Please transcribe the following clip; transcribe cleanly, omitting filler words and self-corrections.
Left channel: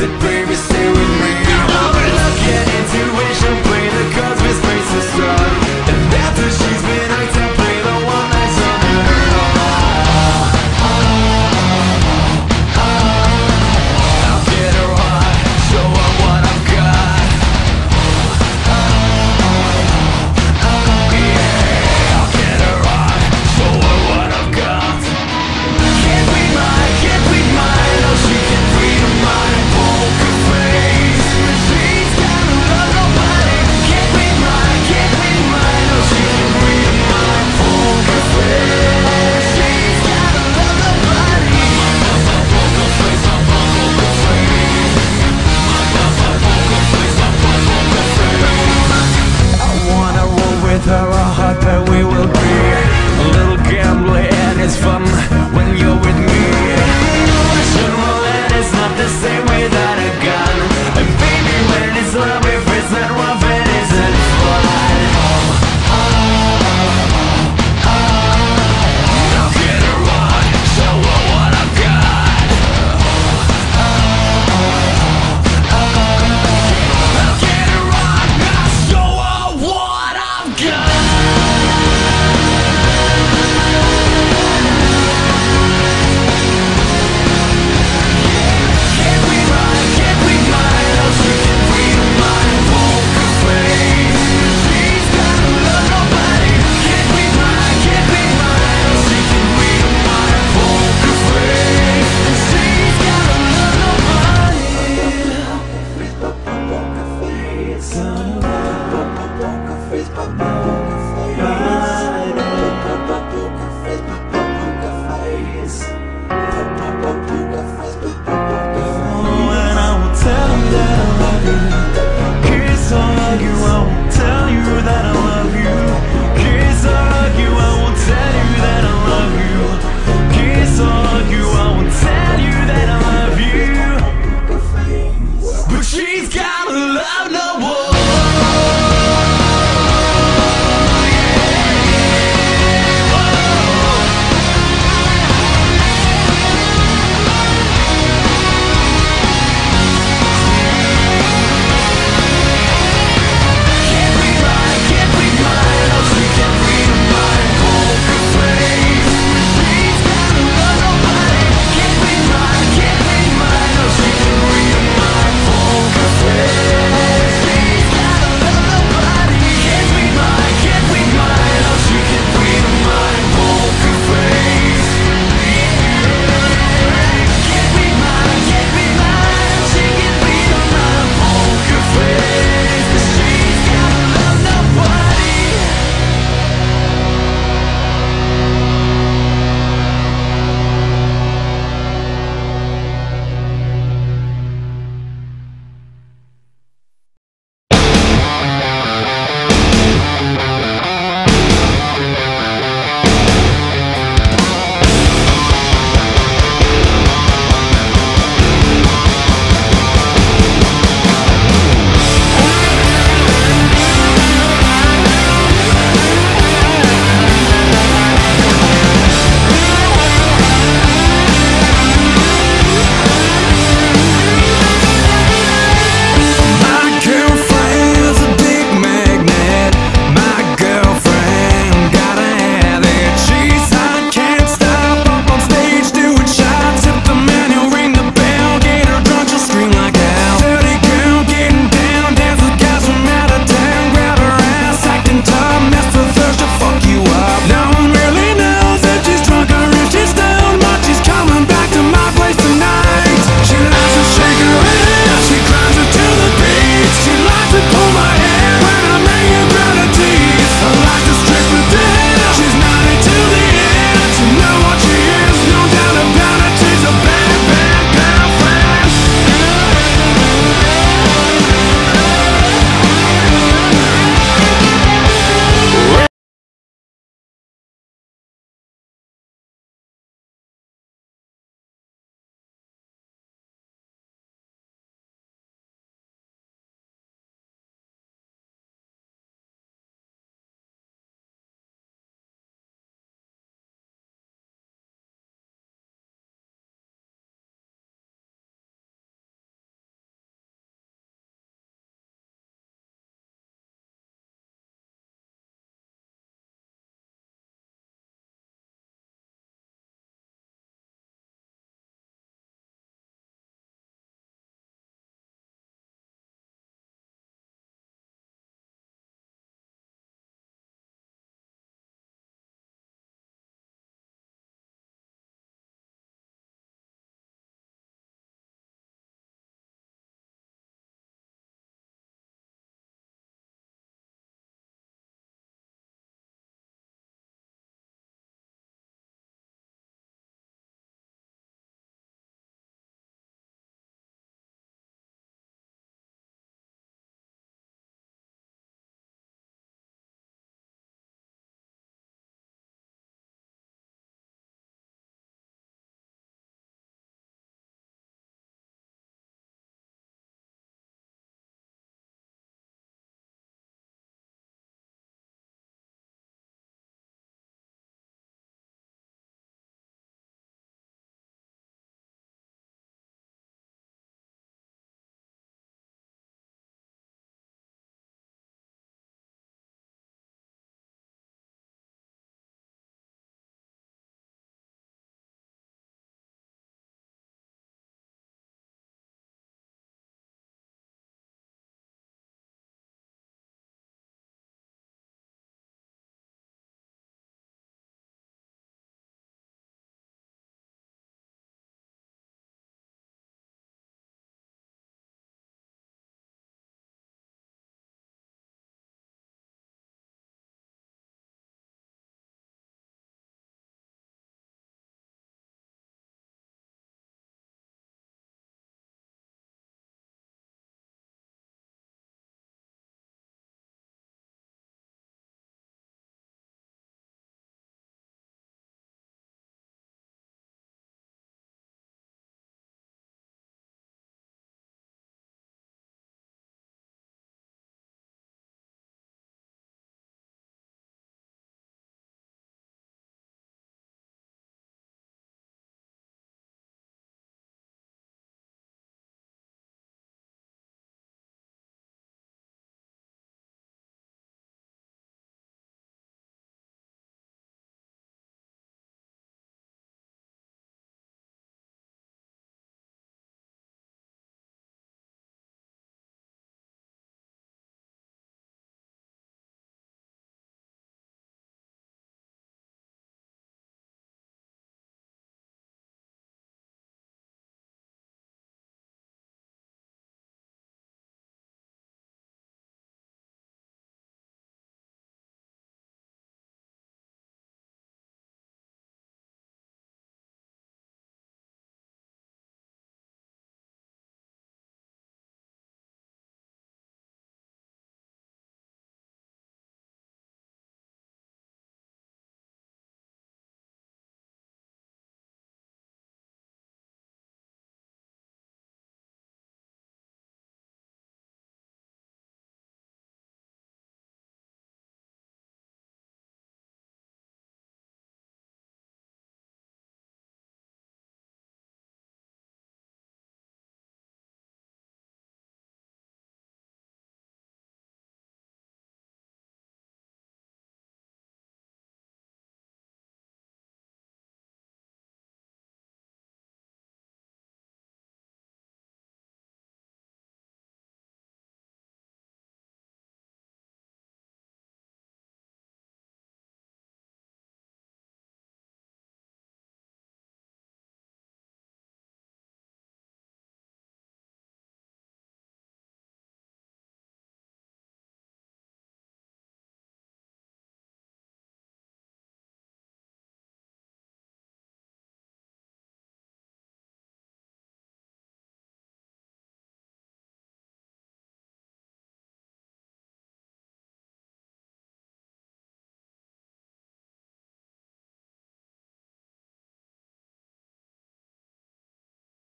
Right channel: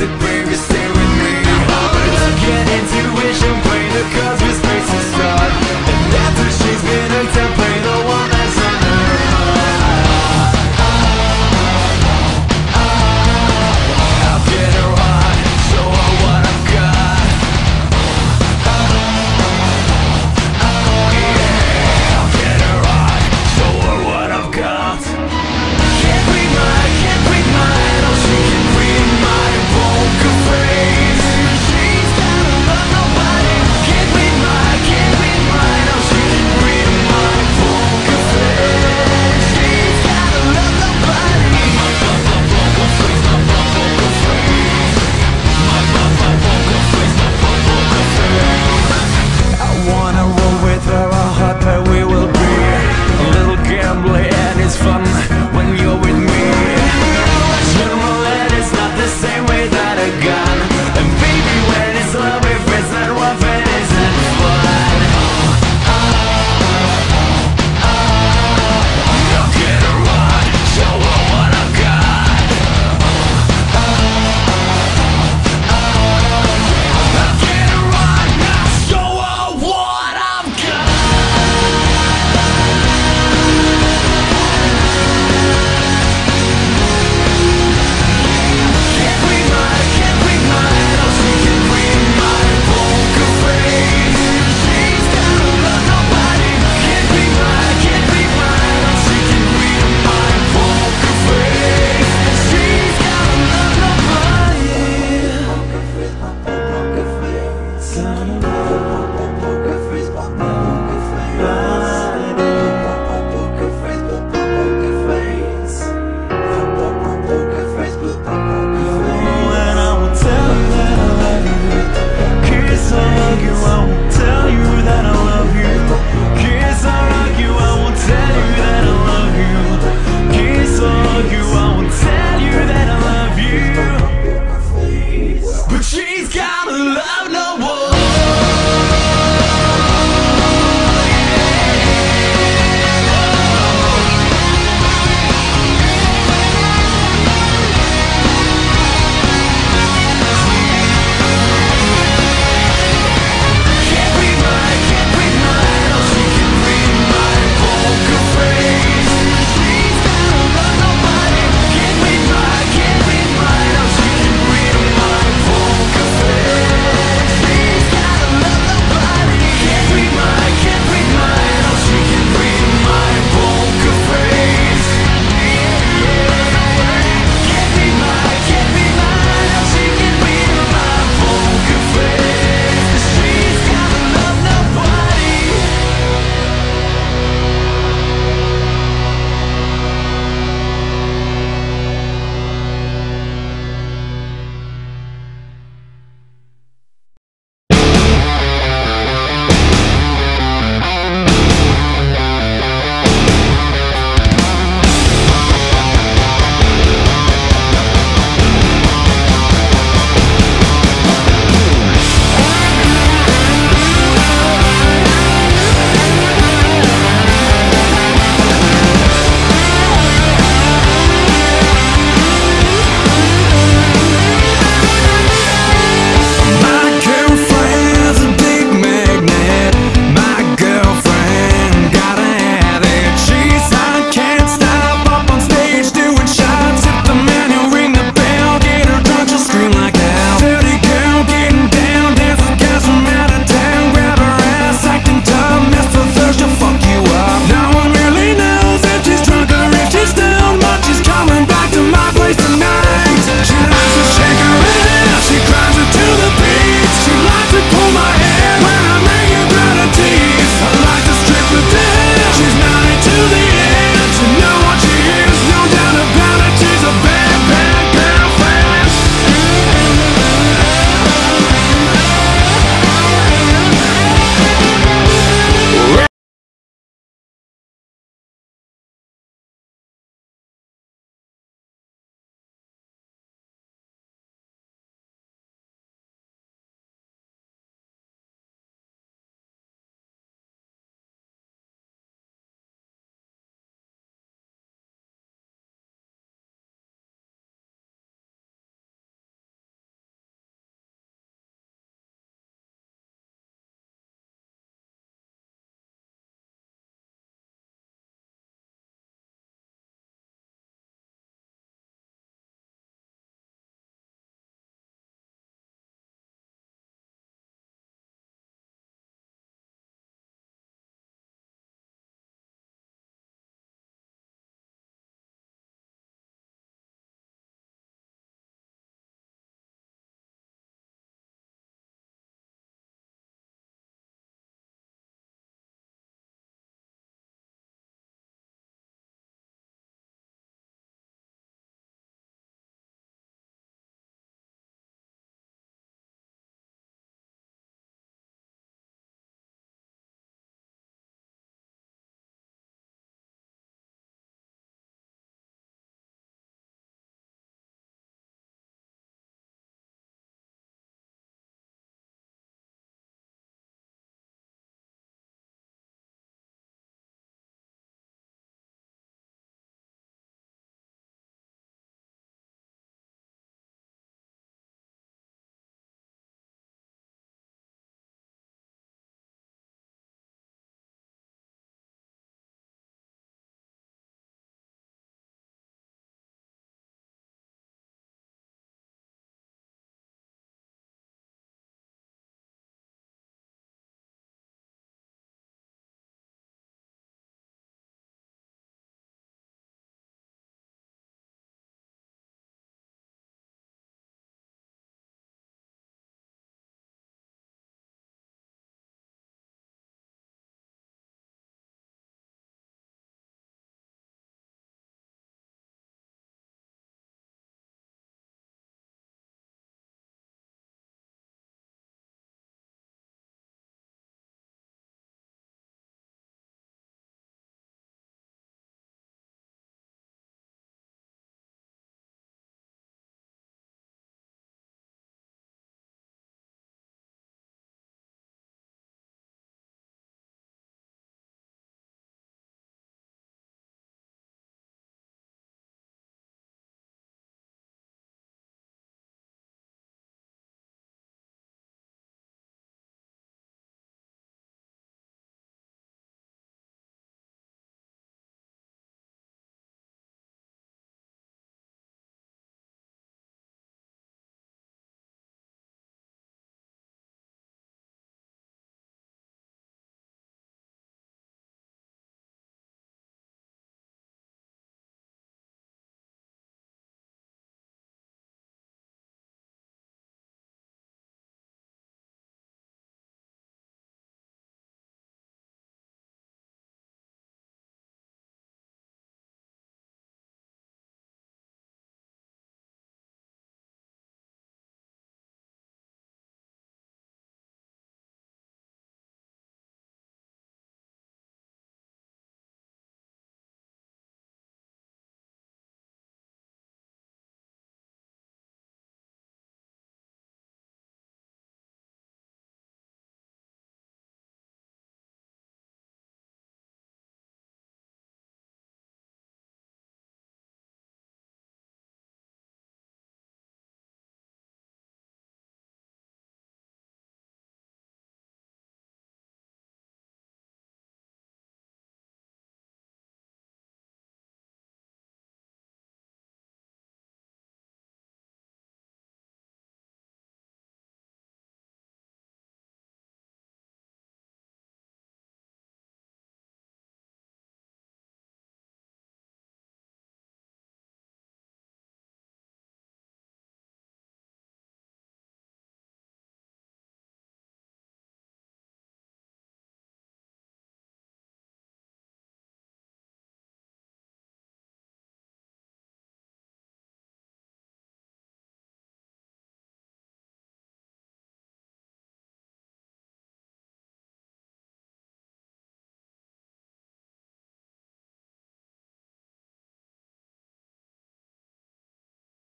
said, baby, stay with me. Oh, luck and intuition play the cards with space to start. And after she's been hooked, I play the one that's on her heart. I'll get her hot, show her what I've got. Yeah, I'll get her hot, show her what I've got. Can't read mine, oh she can read my poker face. She's gotta love nobody. Can't read mine, oh she can read my poker face. She's gotta love nobody. My poker face, my poker face. My poker face, my poker face. I wanna roll with her, a hot pair we will be. A little gambling and it's fun when you're with me. Russian roulette is not the same way that a gun. And baby, when it's love, if it's not rough, it isn't fun. I'll get her on, show her what I've got. I'll get her on, I'll show her what I've got. Tell you that I love you, kiss or hug you, I won't